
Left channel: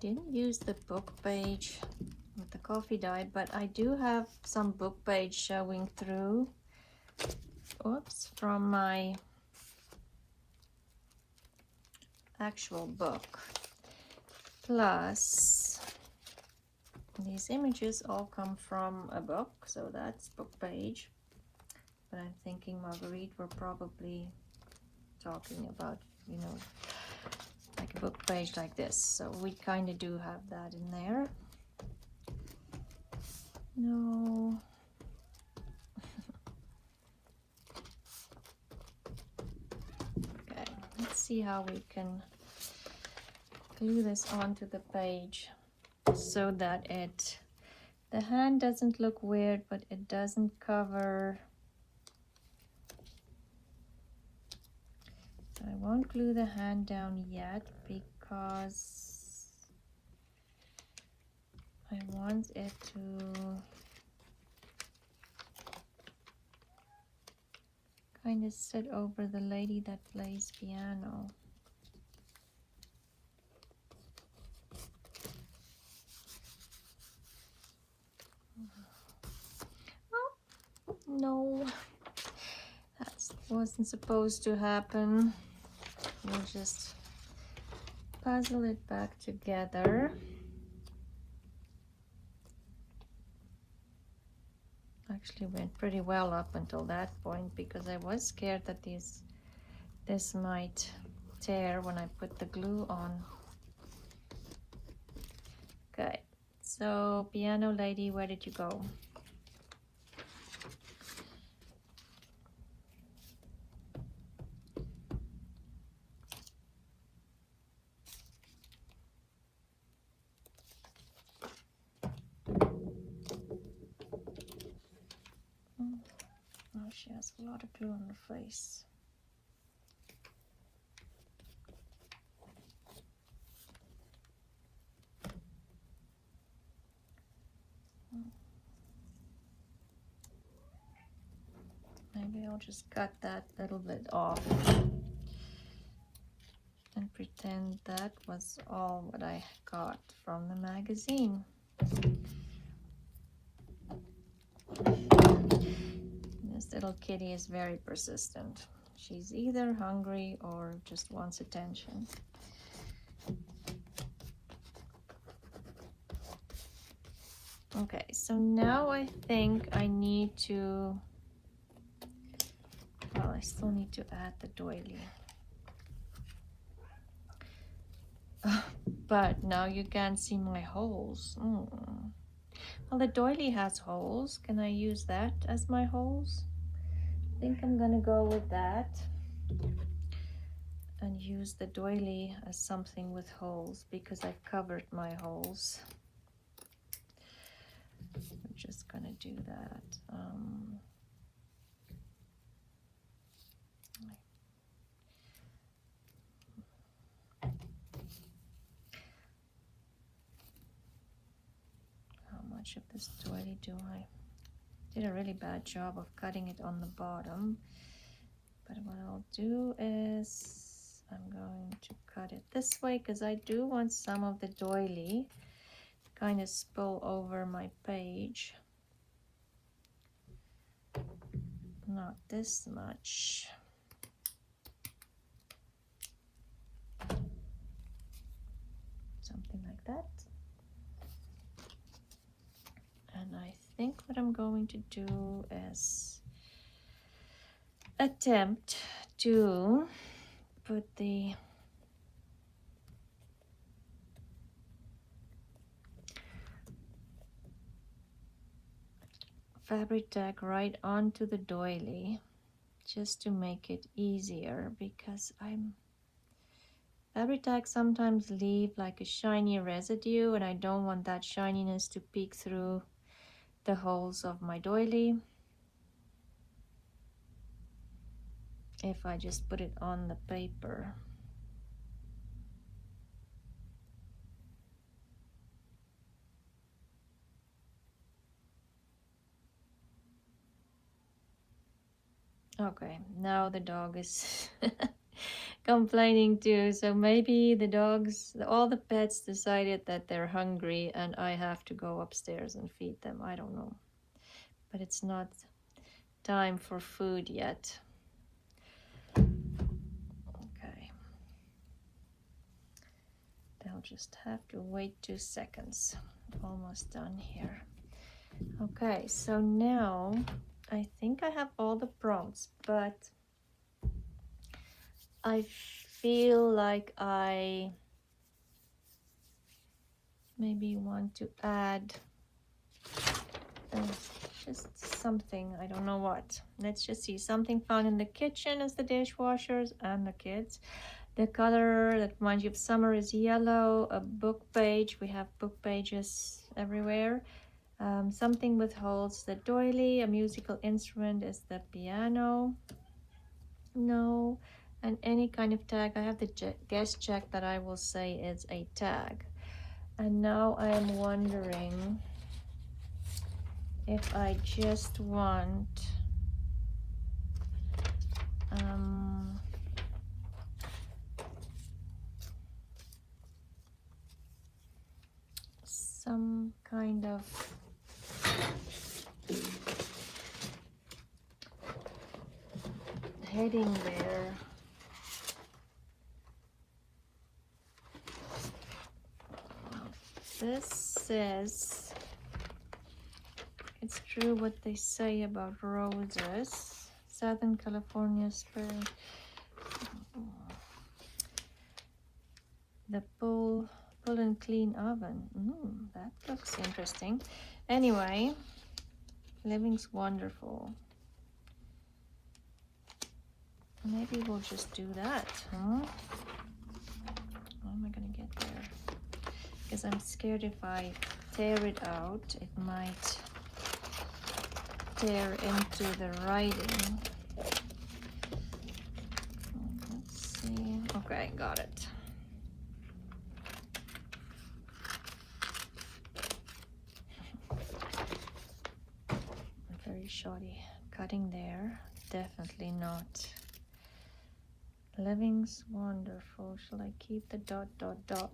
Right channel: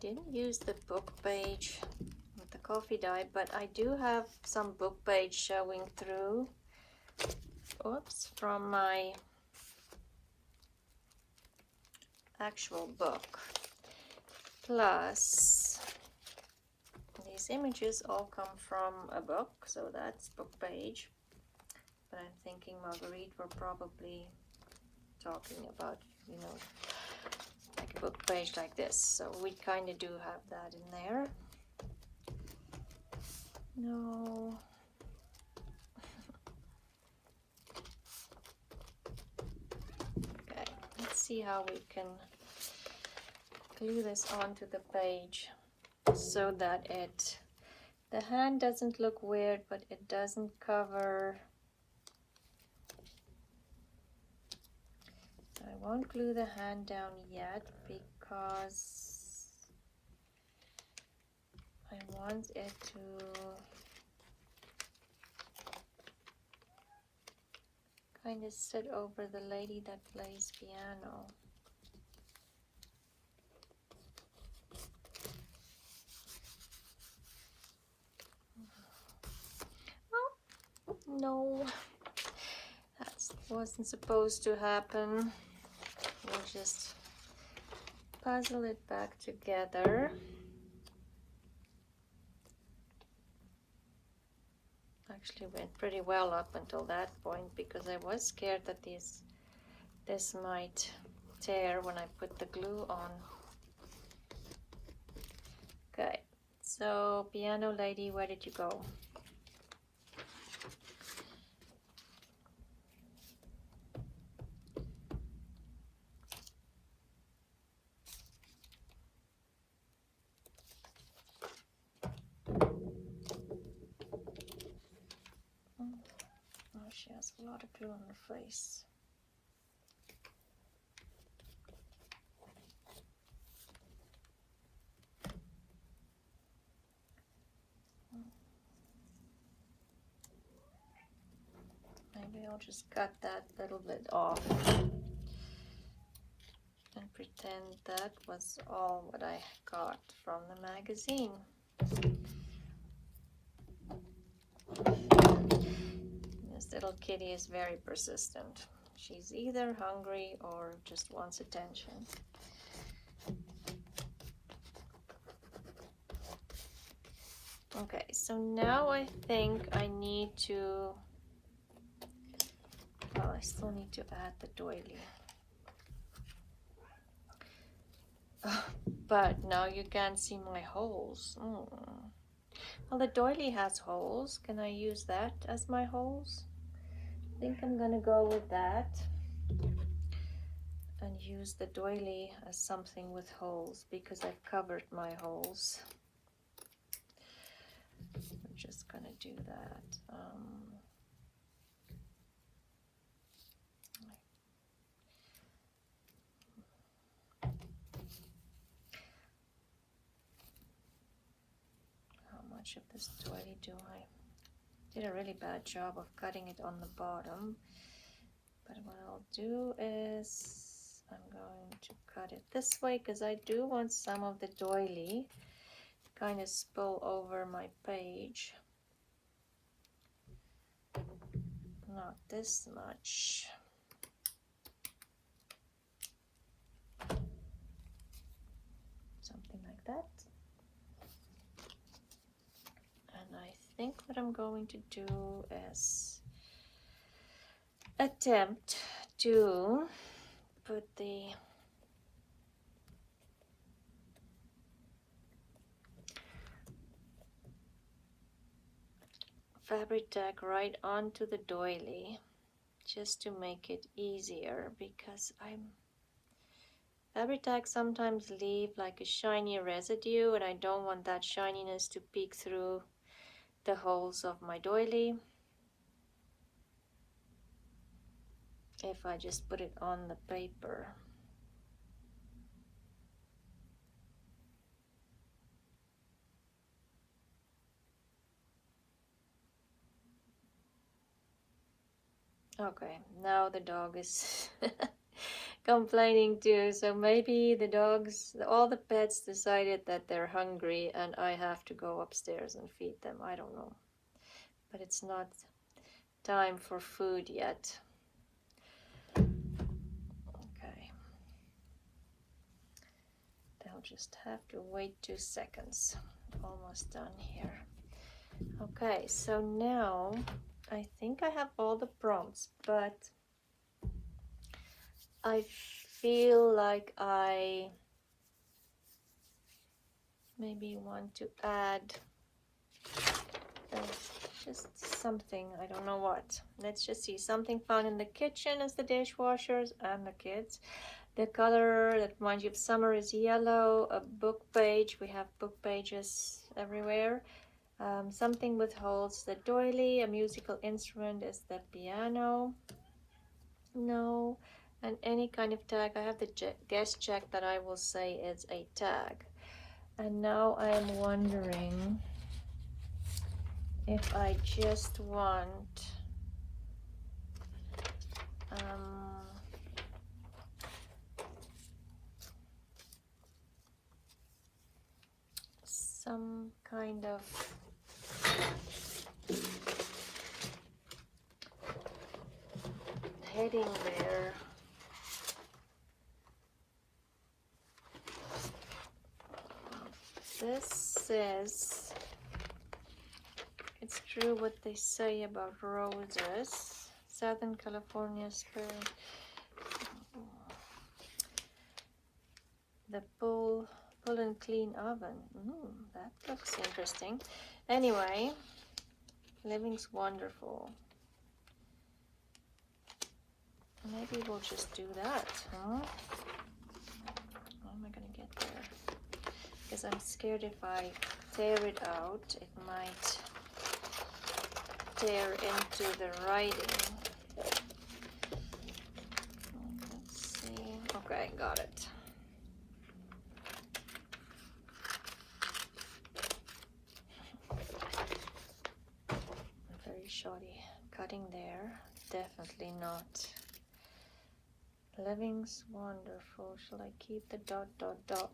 Didn't use the book page with the coffee dye, but I do have some book page showing through. Oops, from my actual book. Plus, these images all come from a book, so that's book page. But I'm thinking Margarete were probably talking about, you know, like a book page like this. So we kind of do have that in there. No. Okay, let's see how we can glue this onto the page so that the hand doesn't look weird, but it doesn't cover. I won't glue the hand down yet because I want it to kind of sit over the lady that plays piano. Oh, no, that wasn't supposed to happen. We'll just puzzle it back together. Actually went pretty well up until that point because I was scared that this might tear when I put the glue on. Okay, so piano lady, where did you go? Oh, she has a lot of glue on her face. Maybe I'll just cut that little bit off and pretend that was all what I got from the magazine. This little kitty is very persistent. She's either hungry or just wants attention. Okay, so now I think I need to, well, I still need to add the doily. But now you can't see my holes. Oh. Well, the doily has holes. Can I use that as my holes? I think I'm gonna go with that and use the doily as something with holes because I've covered my holes. I'm just gonna do that. How much of this doily do I? Did a really bad job of cutting it on the bottom. But what I'll do is I'm going to cut it this way because I do want some of the doily to kind of spill over my page. Not this much. Something like that. And I think what I'm going to do is attempt to put the fabric tag right onto the doily just to make it easier because fabric tags sometimes leave like a shiny residue and I don't want that shininess to peek through the holes of my doily if I just put it on the paper. Okay, now the dog is complaining too, so maybe the dogs, all the pets decided that they're hungry and I have to go upstairs and feed them. I don't know, but it's not time for food yet. Okay, I'll just have to wait 2 seconds. Almost done here. Okay, so now I think I have all the prongs, but I feel like I maybe want to add just something, I don't know what. Let's just see, something found in the kitchen as the dishwashers and the kids. The color that reminds you of summer is yellow. A book page, we have book pages everywhere. Something with holes, the doily. A musical instrument is the piano. No. And any kind of tag. I have the guess check that I will say is a tag. And now I am wondering if I just want some kind of heading there. This says, it's true what they say about roses. Southern California spring. The pull and clean oven. That looks interesting. Anyway, living's wonderful. Maybe we'll just do that. How am I gonna get there? Because I'm scared if I tear it out, it might tear into the writing. Let's see. Okay, got it. Very shoddy cutting there. Definitely not. Living's wonderful. Shall I keep the dot dot dot?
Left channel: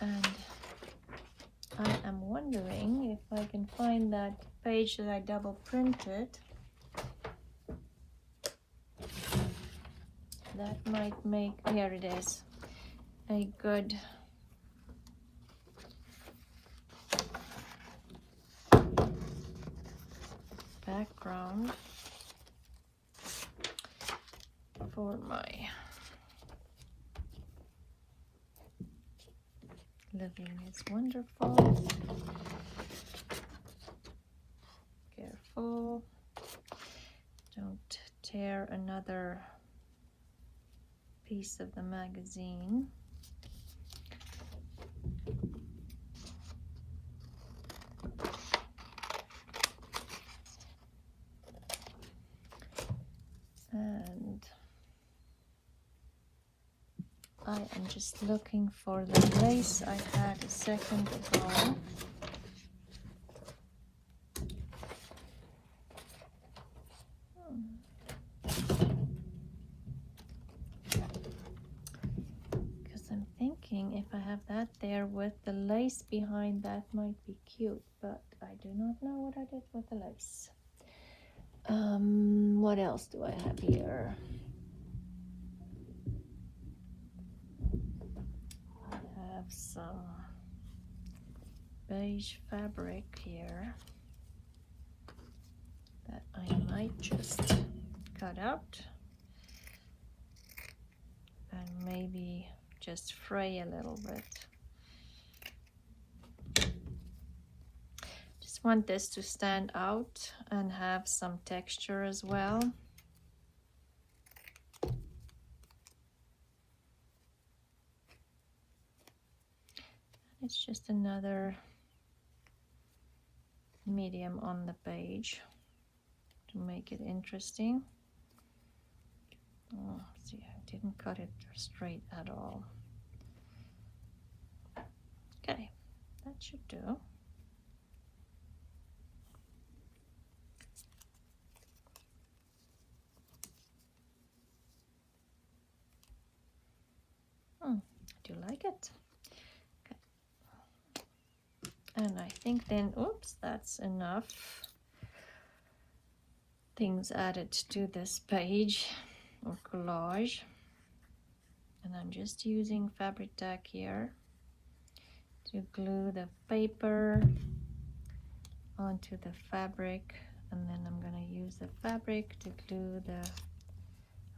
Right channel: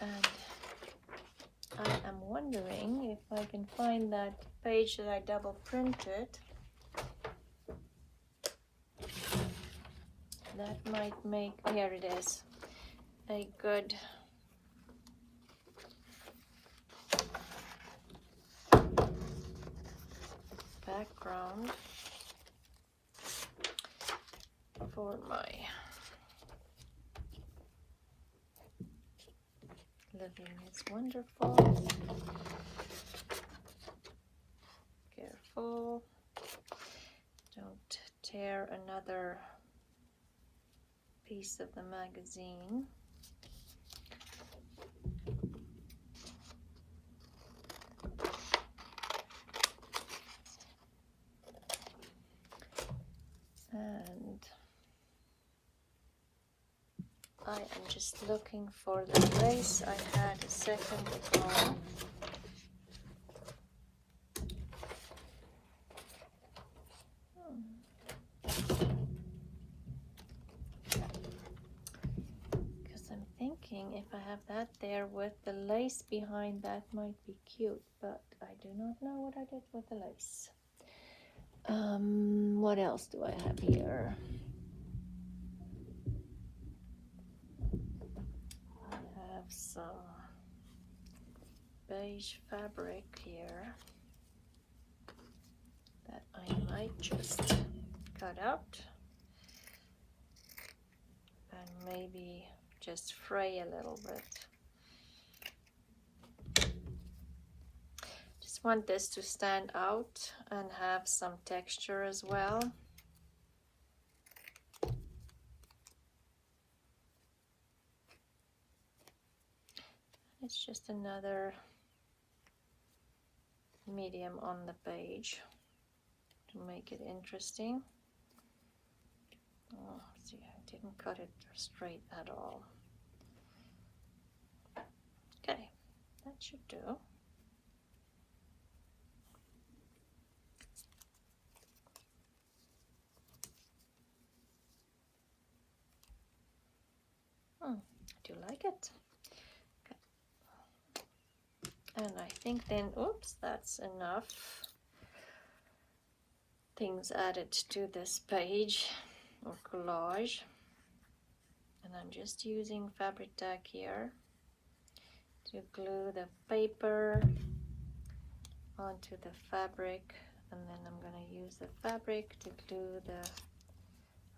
And I am wondering if I can find that page that I double printed. That might make, here it is, a good background for my Living is Wonderful. Careful, don't tear another piece of the magazine. And I am just looking for the lace I had a second ago. That there with the lace behind, that might be cute, but I do not know what I did with the lace. What else do I have here? I have some beige fabric here that I might just cut out and maybe just fray a little bit. Just want this to stand out and have some texture as well. It's just another medium on the page to make it interesting. Oh, see, I didn't cut it straight at all. Okay, that should do. Do you like it? Okay. And I think then, oops, that's enough things added to this page of collage. And I'm just using fabric tack here to glue the paper onto the fabric, and then I'm going to use the fabric to glue the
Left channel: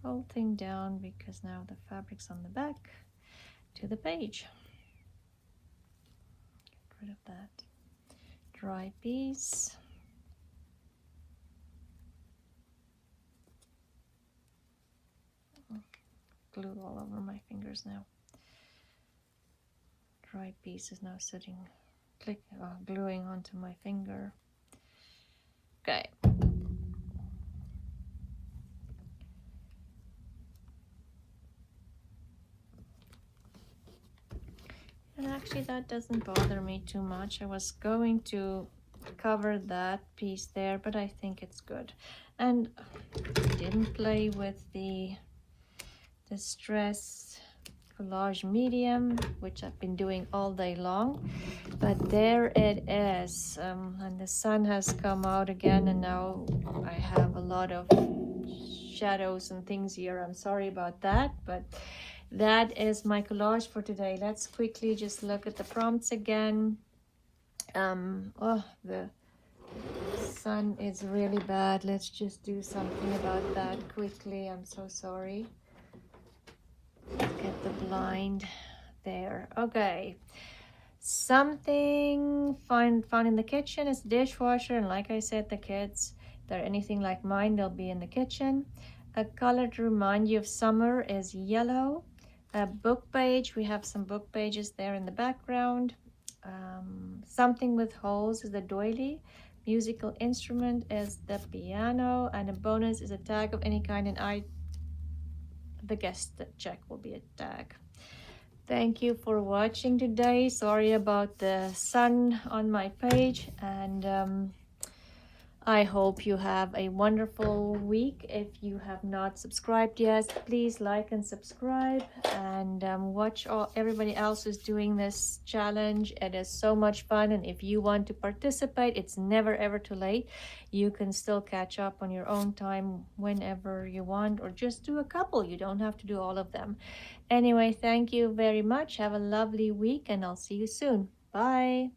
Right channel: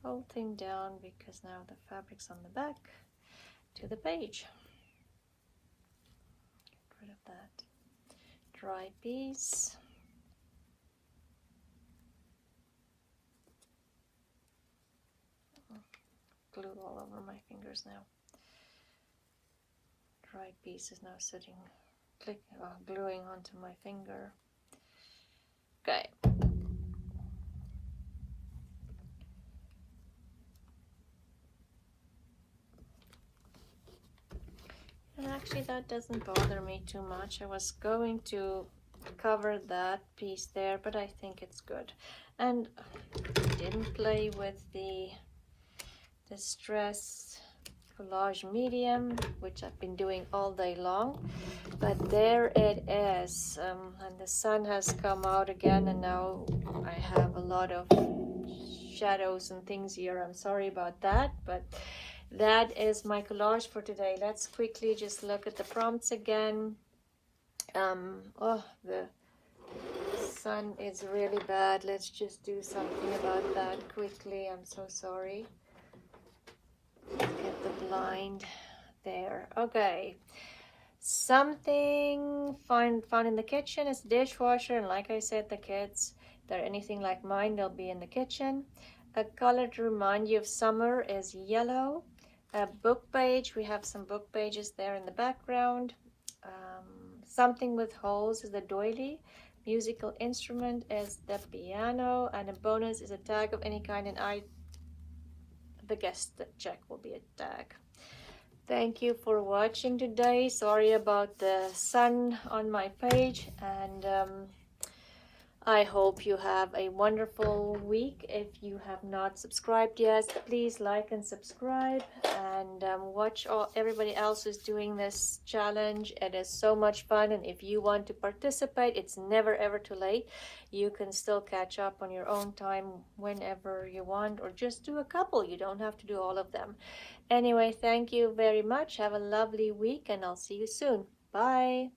whole thing down, because now the fabric's on the back to the page. Get rid of that dry piece. Glue all over my fingers now. Dry piece is now sitting, gluing onto my finger. Okay. And actually that doesn't bother me too much. I was going to cover that piece there, but I think it's good. And I didn't play with the Distress Collage Medium, which I've been doing all day long, but there it is. And the sun has come out again, and now I have a lot of shadows and things here. I'm sorry about that, but that is my collage for today. Let's quickly just look at the prompts again. Oh, the sun is really bad. Let's just do something about that quickly. I'm so sorry. Get the blind there. Okay, something found in the kitchen is dishwasher, and like I said, the kids, they're anything like mine, they'll be in the kitchen. A color to remind you of summer is yellow. A book page, we have some book pages there in the background. Something with holes is the doily. Musical instrument is the piano, and a bonus is a tag of any kind, and I guess the check will be a tag. Thank you for watching today. Sorry about the sun on my page, and I hope you have a wonderful week. If you have not subscribed yet, please like and subscribe, and watch everybody else is doing this challenge. It is so much fun, and if you want to participate, it's never ever too late. You can still catch up on your own time whenever you want, or just do a couple. You don't have to do all of them. Anyway, thank you very much. Have a lovely week, and I'll see you soon. Bye.